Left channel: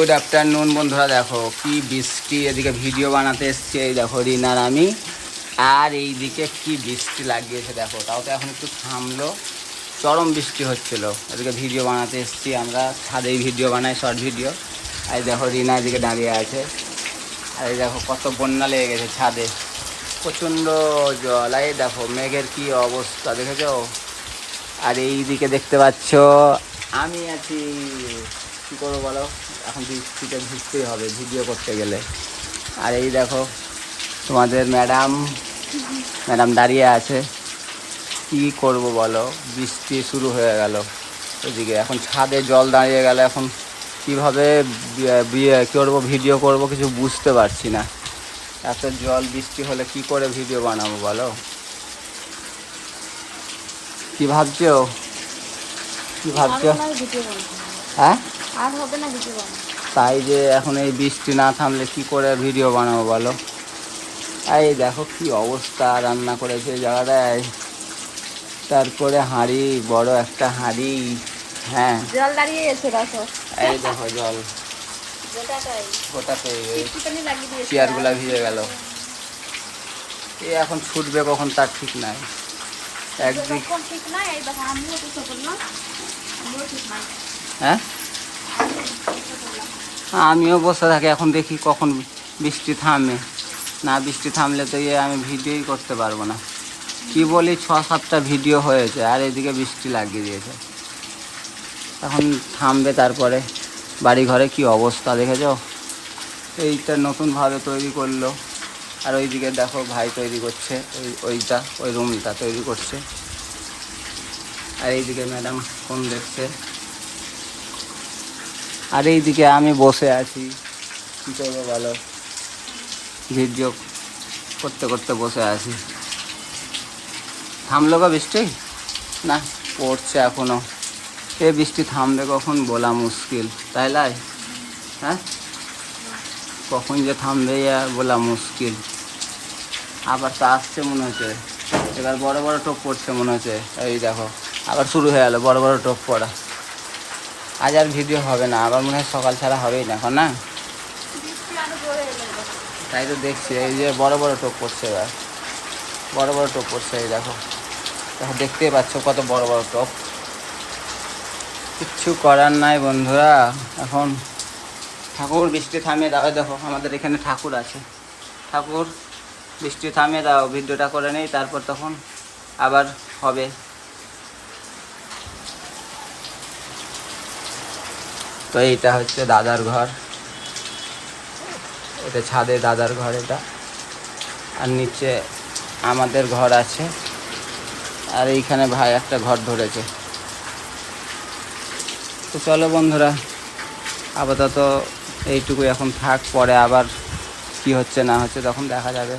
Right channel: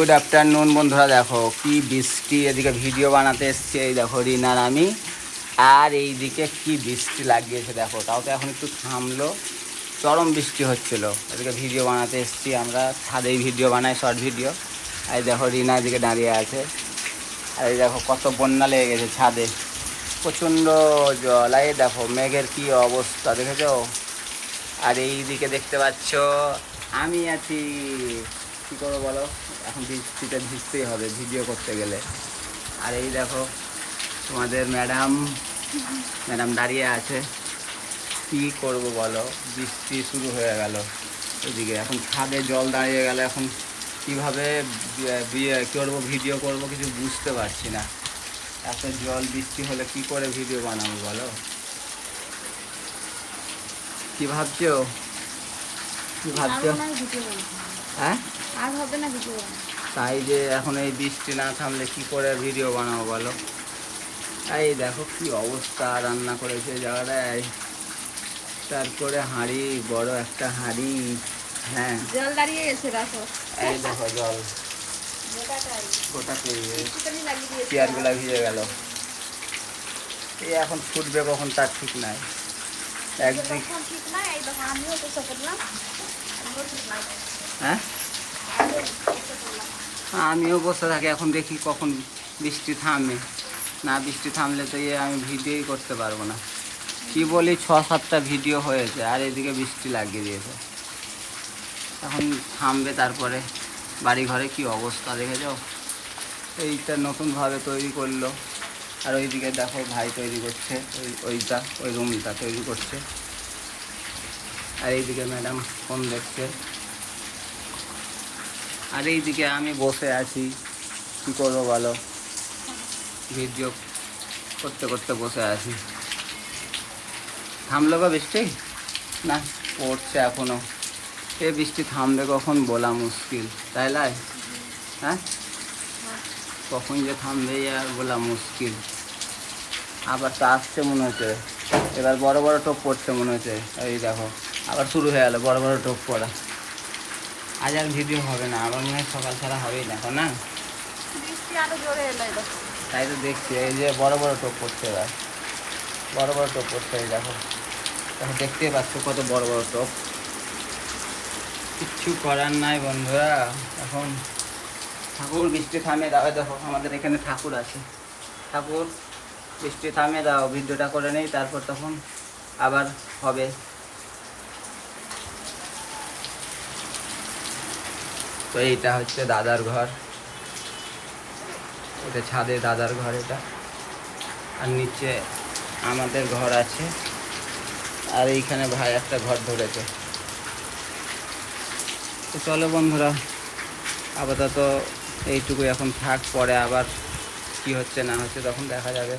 Good afternoon বন্ধুরা, দেখো কি বৃষ্টি। এদিকে ভিডিও বানাতে এসছি, এই দেখো রিনার আমি। আর এইদিকে কি বৃষ্টি লাগিয়েছে দেখো, তাও তো এখন একটু থামলো। চরম বৃষ্টি হচ্ছিল। এদিকে ভিডিও বানাতে এসছি, আমরা ছাদেই ভিডিও বানাই, শর্ট ভিডিও। আর দেখো রিনা এদিকে দাঁড়িয়ে আছে। আর এই দেখো কত বন্যা লেগে গেছে ছাদে, প্রচণ্ড জল। এই দেখো মেঘের কি অবস্থা দেখেছো। আর এইদিকে দেখতে পাচ্ছ আমি আছি। কী করবো বলো, এখন বৃষ্টিতে ভিজতেই হবে ভিডিও করতে গেলে। আর এই দেখো তোমাদের ম্যাডাম দাঁড়িয়ে আছে। কি করব বলো, বৃষ্টি শুরু হয়ে গেল ওইদিকে। এখন ছাদে জল দাঁড়িয়ে গেলে এখন কীভাবে করবো, ভিডিও করব কিছু বুঝতে পারছি না। এত জল বৃষ্টি হলে কি করে ভিডিও বানাবো বলো। কি ভাবছো হ্যাঁ? আর হবে না ভিডিও বানানো। তাই যে এখন এই বৃষ্টি না থামলে কি করে ভিডিও বানাবো বলো। এই দেখো কি অবস্থা, রান্না করেছে এই জায়গাটায়। তারপরে হাঁড়ি, বড় একটা হাঁড়ি। হ্যাঁ, জল দাঁড়িয়ে গেছে দেখো। এই দেখো জল গোটাতে লাগিয়ে চেয়ারগুলা ভিজে গেল। এই এখন ছুটবে কখন তার ঠিক নাই। একদিক ঠিক না, এই দেখো আমিও তো করলাম, আমিও ঠিক না। হ্যাঁ, আমিও বসে থাকি, এখন দেখি কখন বৃষ্টি থামে। না বৃষ্টি থামলে তো আমি ভিডিওই করতে পারবো না। কি বলি, 6-7টা ভিডিও হয়েছে আর এদিকে বৃষ্টি লাগিয়ে দিয়েছে। এখন থামবে, তারপরে বাড়ি ঘরে কি অবস্থা দেখেছো। এইটা নতুনভাবে তৈরি করলো। আর ওইদিকে দেখো ভাই তৈরি করছে, ওই রুমটা তৈরি করছে। আর এইদিকে ম্যাডাম ফোন দেখছে। আর এইদিকে আমি বসে আছি, কী করবো বলো, ভিডিও করতে করতে বসে আছি। থামলো গো বৃষ্টি? না, পড়ছে এখনও। এ বৃষ্টি থামবে কখন বলা মুশকিল, তাই লাই? হ্যাঁ, কখন যে থামবে বলা মুশকিল। আবার তো আসছে মনে হচ্ছে, এবার বড় বড় টোপ পড়ছে মনে হচ্ছে। এই দেখো আবার শুরু হয়ে গেলো বড় বড় টোপ পড়া। আজ আর ভিডিও হবে না, আবার মনে হয় সকাল ছাড়া হবেই না এখন, না? তাই তো দেখছি, এই যে বড় বড় টোপ পড়ছে, এবার বড় বড় টোপ পড়ছে। এই দেখো দেখো, দেখতেই পাচ্ছ কত বড় বড় টোপ। কিচ্ছু করার নাই বন্ধুরা। এখন ঠাকুর বৃষ্টি থামিয়ে দাও। দেখো আমাদের এখানে ঠাকুর আছে। ঠাকুর বৃষ্টি থামিয়ে দাও, ভিডিওটা করে নেই, তারপর তখন আবার হবে। তো এইটা হচ্ছে দাদার ঘর, এটা ছাদে দাদার ঘর এটা। আর নিচে আমাদের ঘর আছে। আর এইখানে ভাই একটা ঘর ধরেছে। তো চলো বন্ধুরা, আপাতত এইটুকু এখন থাক, পরে আবার কি হচ্ছে না হচ্ছে তখন দেখা যাবে।